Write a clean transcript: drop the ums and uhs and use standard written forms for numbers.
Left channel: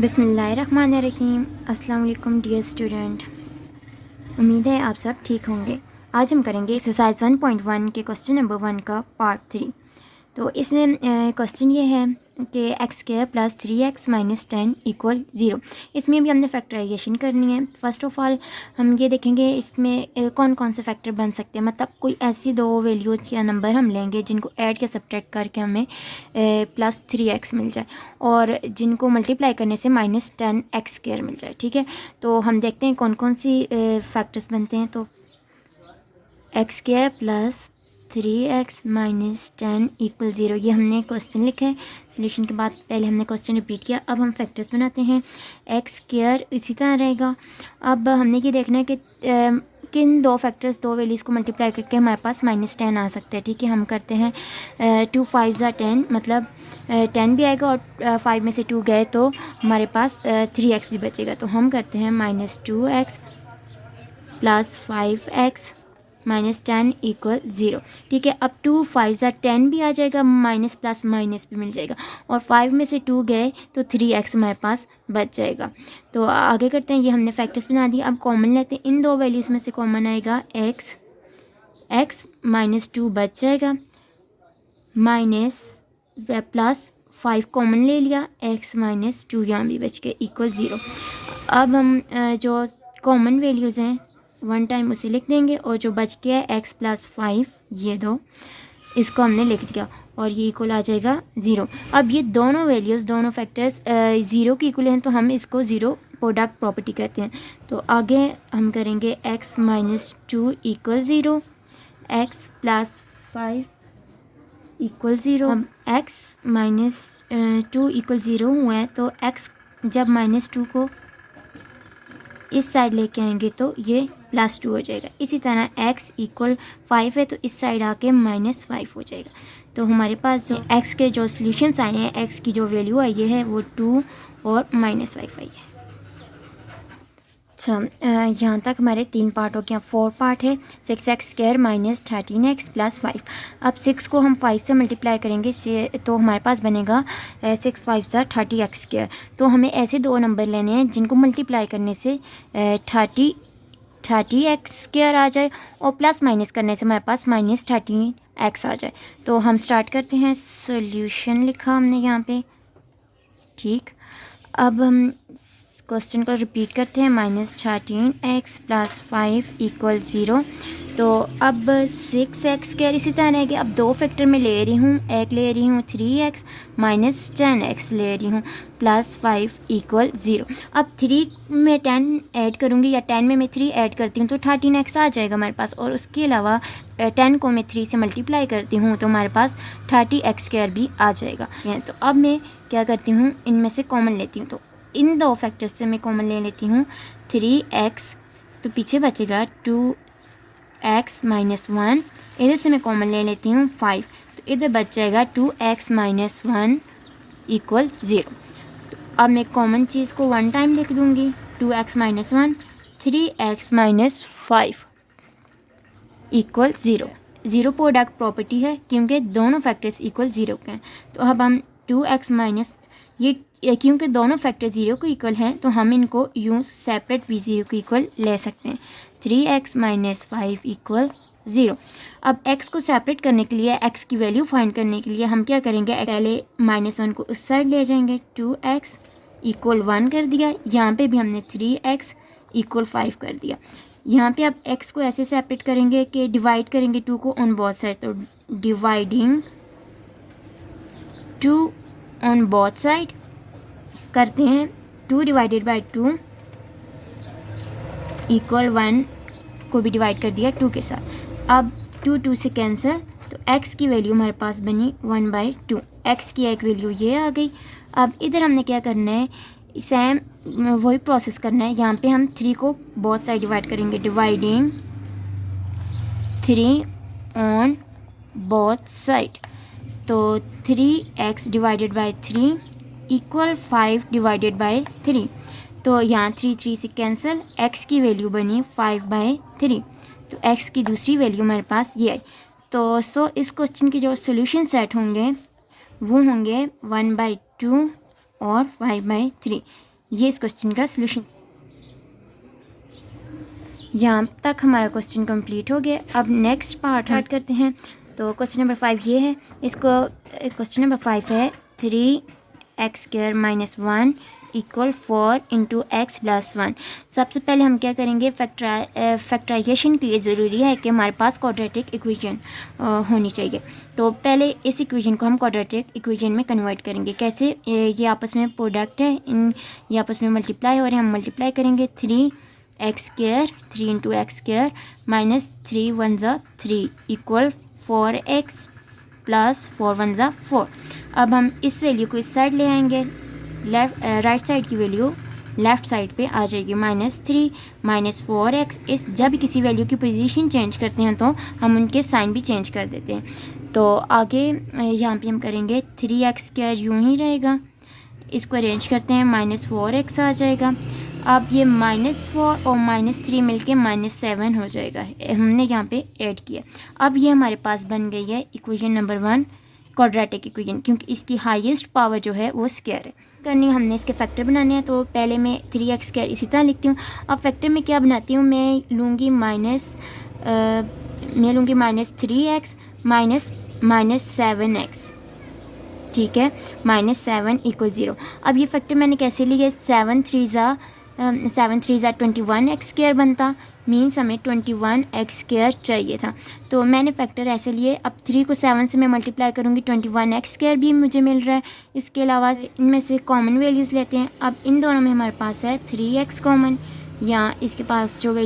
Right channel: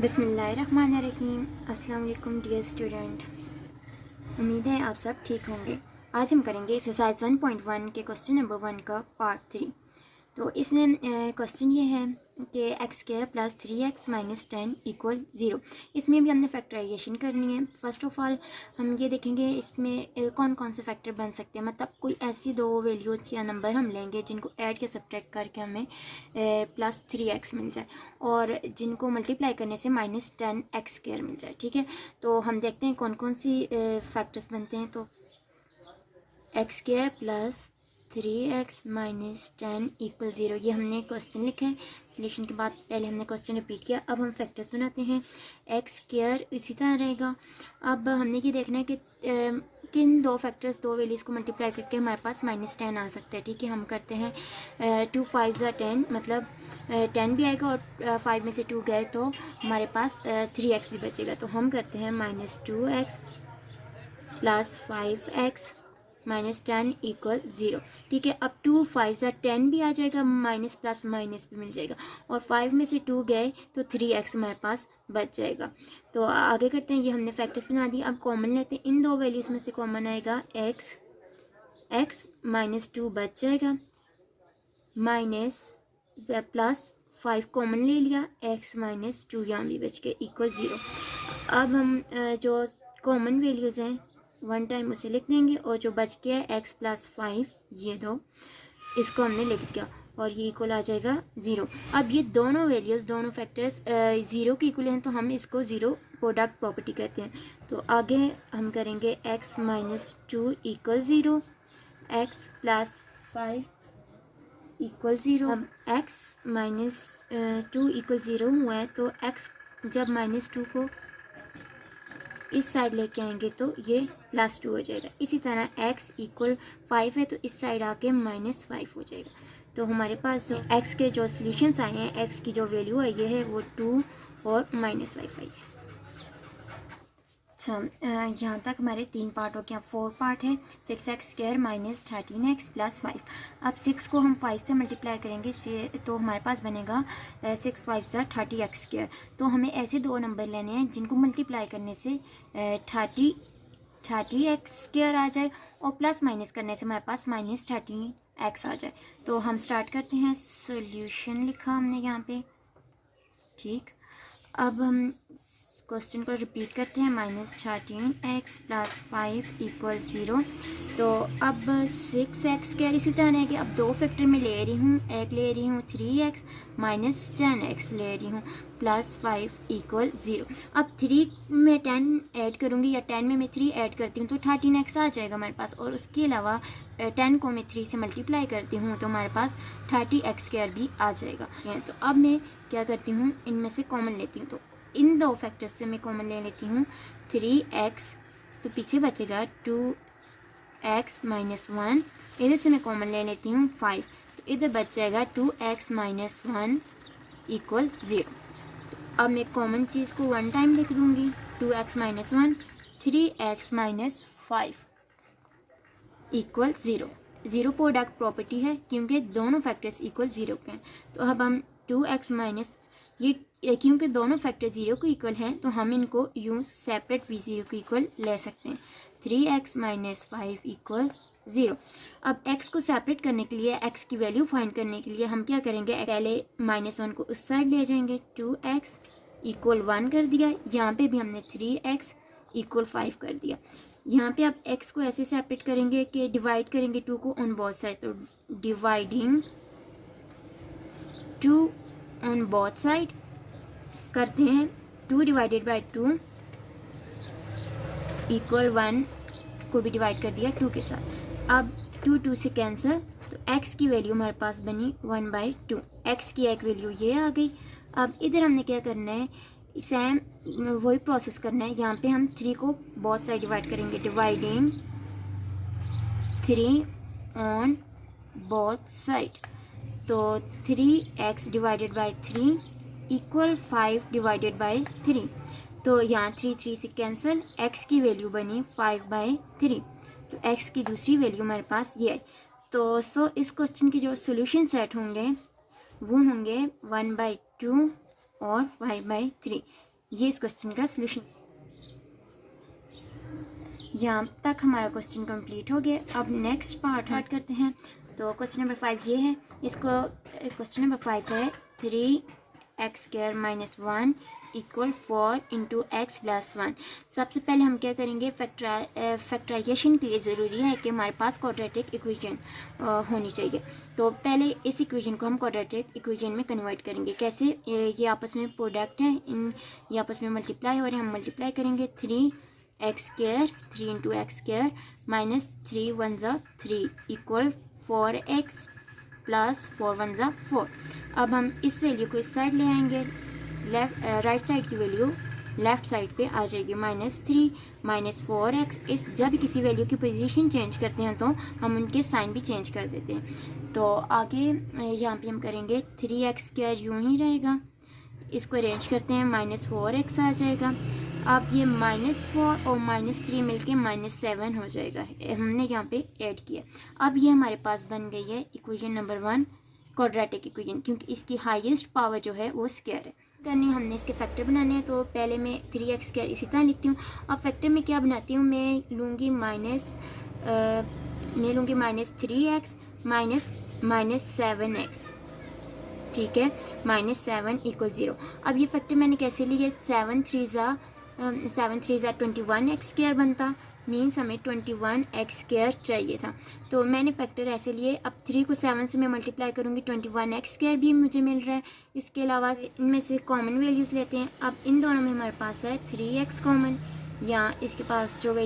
बिस्मिल्लाहिर्रहमानिर्रहीम। अस्सलाम वालेकुम डियर स्टूडेंट, उम्मीद है आप सब ठीक होंगे। आज हम करेंगे एक्सरसाइज 1.1 के क्वेश्चन नंबर 1 का पार्ट 3। तो इसमें क्वेश्चन ये है कि x square plus 3x minus 10 equal 0। इसमें भी हमने फैक्टराइजेशन करनी है। फ़र्स्ट ऑफ़ ऑल हम ये देखेंगे इसमें कौन कौन से फैक्टर बन सकते हैं, मतलब कोई ऐसी दो वैल्यूज़ या नंबर हम लेंगे जिनको ऐड या सब्ट्रैक्ट करके हमें प्लस 3x मिल जाए और जिनको मल्टीप्लाई करने से माइनस 10x स्क्वायर मिल जाए। ठीक है, तो हम देखते हैं कौन कौन सी फैक्टर्स बनते हैं। तो x square plus 3x minus 10 equal 0, ये हमने क्वेश्चन लिखा है। सोल्यूशन के बाद पहले हमने क्वेश्चन रिपीट किया। अब हम फैक्टर्स बनाते हैं। एक्स स्क्वायर इसी तरह रहेगा। अब हमने ये देखना है कि किन दो फैक्टर्स, दो वैल्यूज़ को मल्टीप्लाई करके हमारे पास माइनस 10 आ सकते हैं। ठीक है, हम करते हैं 2 5 10, मतलब 10 भी आएगा और 5 में से 2 गए तो हमारे पास 3x भी बचेगा। तो हम करते हैं minus 2x plus 5x minus 10 equal 0। ठीक है, अब 2 5 10 भी आ जाएगा, माइनस प्लस माइनस भी मिल जाएगा और 5 में से 2 गए तो 3x हमारे पास बच जाएगा। तो आगे करते हैं, ये हमने फैक्टर्स बना दिए। अब कॉमन लेते हैं, इन दो वैल्यूज़ में से कॉमन आएगा x माइनस 2 बच जाएगा, माइनस प्लस 5 कॉमन ले लिया, x माइनस 2 यहाँ भी बच के इक्वल 0। अब हम जो कॉमन वैल्यूज़ हैं वन टाइम उसे लिख देंगे और जो बच गया है x प्लस 5, ये दो, इसको हमने लिख दिया और ये इक्वल आ जाएगा 0। अब ये दोनों वैल्यूज़, दोनों फैक्टर्स 0 की इक्वल हैं तो हम इसको 0 प्रोडक्ट प्रॉपर्टी कहते हैं। तो आगे हम करेंगे x minus 2 equal 0, x plus 5 equal 0। अब x माइनस 2 इक्वल 0 हुआ है तो x जब माइनस 2 को इस साइड लेके आएंगे तो ये प्लस 2 हो जाएगा। इसी तरह x इक्वल 5 है तो इस साइड आके माइनस 5 हो जाएगा। तो हमारे पास जो x के जो सॉल्यूशंस आए हैं, x की जो वैल्यू आई है वो 2 और माइनस 5 आई है। अच्छा, यहाँ तक हमारे 3 पार्ट हो गया। 4 पार्ट है। 6x square minus 13x plus 5। अब 6 को हम 5 से मल्टीप्लाई करेंगे तो हमारे पास बनेगा 6 5 30x स्क्वायर। तो हमें ऐसे दो नंबर लेने हैं जिनको मल्टीप्लाई करने से 30x स्क्वायर आ जाए और प्लस माइनस करने से हमारे पास माइनस 13x आ जाए। तो हम स्टार्ट करते हैं। सोल्यूशन लिखा हमने यहाँ पे। ठीक, अब हम क्वेश्चन को रिपीट करते हैं। Minus 13x plus 5 equal 0। तो अब 6x स्क्वायर इसी तरह रहेगी। अब दो फैक्टर में ले रही हूँ, एक ले रही हूँ 3x माइनस 10x ले रही हूँ प्लस 5 इक्वल 0। अब 3 में 10 ऐड करूँगी या 10 में मैं 3 ऐड करती हूँ तो 13x आ जाएगा हमारे पास, और उसके अलावा 10 को मैं 3 से मल्टीप्लाई करती हूँ तो हमारे पास 30x स्क्वायर भी आ जाएगा। तो अब मैं क्या करती हूँ, इनमें से कॉमन लेती हूँ। तो इन दो फैक्टर्स से मैं कॉमन ले लेती हूँ 3x, तो पीछे बचेगा 2x माइनस 1। इधर से मैं कॉमन ले लेती हूँ 5, तो इधर बच जाएगा 2x माइनस 1 इक्वल 0। तो अब मैं कॉमन चीज़ को वन टाइम लिख दूँगी। 2x minus 1, 3x minus 5 equal 0। 0 product property है क्योंकि दोनों फैक्टर्स इक्वल 0 के हैं। तो अब हम 2x माइनस, ये क्योंकि दोनों फैक्टर 0 को इक्वल हैं तो हम इनको यूँ सेपरेट भी 0 को इक्वल ले सकते हैं। 3x minus 5 equal 0। अब x को सेपरेट करने के लिए, x की वैल्यू फाइंड करने के लिए हम क्या करेंगे, पहले माइनस 1 को उस साइड ले जाएंगे। 2x इक्वल 1 कर दिया। यहाँ पे भी हमने 3x इक्वल 5 कर दिया। यहाँ पे अब x को ऐसे सेपरेट करेंगे कि डिवाइड करेंगे 2 को ऑन बोथ साइड। तो डिवाइडिंग 2 ऑन बोथ साइड करते हैं। 2 डिवाइडेड बाई 2 इक्वल 1 को भी डिवाइड कर दिया 2 के साथ। अब 2 2 से कैंसिल, तो x की वैल्यू हमारे पास बनी 1/2। x की एक वैल्यू ये आ गई। अब इधर हमने क्या करना है, सेम वही प्रोसेस करना है। यहाँ पे हम 3 को बोथ साइड डिवाइड करेंगे। डिवाइडिंग 3 ऑन बोथ साइड, तो 3x divided by 3 equal 5 divided by 3। तो यहाँ 3 3 से कैंसिल, x की वैल्यू बनी 5/3। तो x की दूसरी वैल्यू हमारे पास ये आई। तो इस क्वेश्चन के जो सोल्यूशन सेट होंगे वो होंगे 1/2 और 5/3। ये इस क्वेश्चन का सोल्यूशन। यहाँ तक हमारा क्वेश्चन कंप्लीट हो गया। अब नेक्स्ट पार्ट स्टार्ट करते हैं। तो क्वेश्चन नंबर 5 ये है। इसको क्वेश्चन नंबर 5 है 3x² - 1 = 4 × x + 1। सबसे पहले हम क्या करेंगे, फैक्टराइजेशन के लिए ज़रूरी है कि हमारे पास क्वाड्रेटिक इक्वेशन होनी चाहिए। तो पहले इस इक्वेशन को हम क्वाड्रेटिक इक्वेशन में कन्वर्ट करेंगे। कैसे, ये आपस में प्रोडक्ट है, ये आपस में मल्टीप्लाई हो रहे हैं, हम मल्टीप्लाई करेंगे। 3x² 3 × x² - 3 1 = 3 = 4x + 4 1 = 4। अब हम इस वैल्यू को इस साइड ले आएंगे, राइट साइड की वैल्यू लेफ़्ट साइड पे आ जाएगी। -3 - 4x। इस जब किसी वैल्यू की पोजीशन चेंज करते हैं तो हम उनके साइन भी चेंज कर देते हैं। तो आगे यहाँ पे हम करेंगे 3x² यूँ ही रहेगा, इसको अरेंज करते हैं, -4x आ जाएगा। अब ये -4 और -3 मिलके -7 हो जाएगा, हमने यहाँ पे ऐड किया। अब ये हमारे पास बन गई है इक्वेशन नंबर 1, क्वाड्रेटिक इक्वेशन, क्योंकि इसकी हाईएस्ट पावर जो है वो स्क्वायर है। करनी हमने इसके फैक्टर बनाने हैं। तो पहले मैं 3x² इसी तरह लिखती हूँ। अब फैक्टर में क्या बनाती हूँ, मैं लूँगी -3x -7x, ठीक है, -7 = 0। अब ये फैक्टर मैंने कैसे लिया, 7 3 ज़ा 21x² बनता, मीन्स हमें 21x² चाहिए था। तो मैंने फैक्टर ऐसे लिए। अब 3 को 7 से मैं मल्टीप्लाई करूँगी, 21x² भी मुझे मिल रहा है। इसके अलावा इनमें से कॉमन वैल्यूज़ लेते हैं। अब इन दोनों में हमारे पास है 3x कॉमन, या इसके पास जो वैल्यू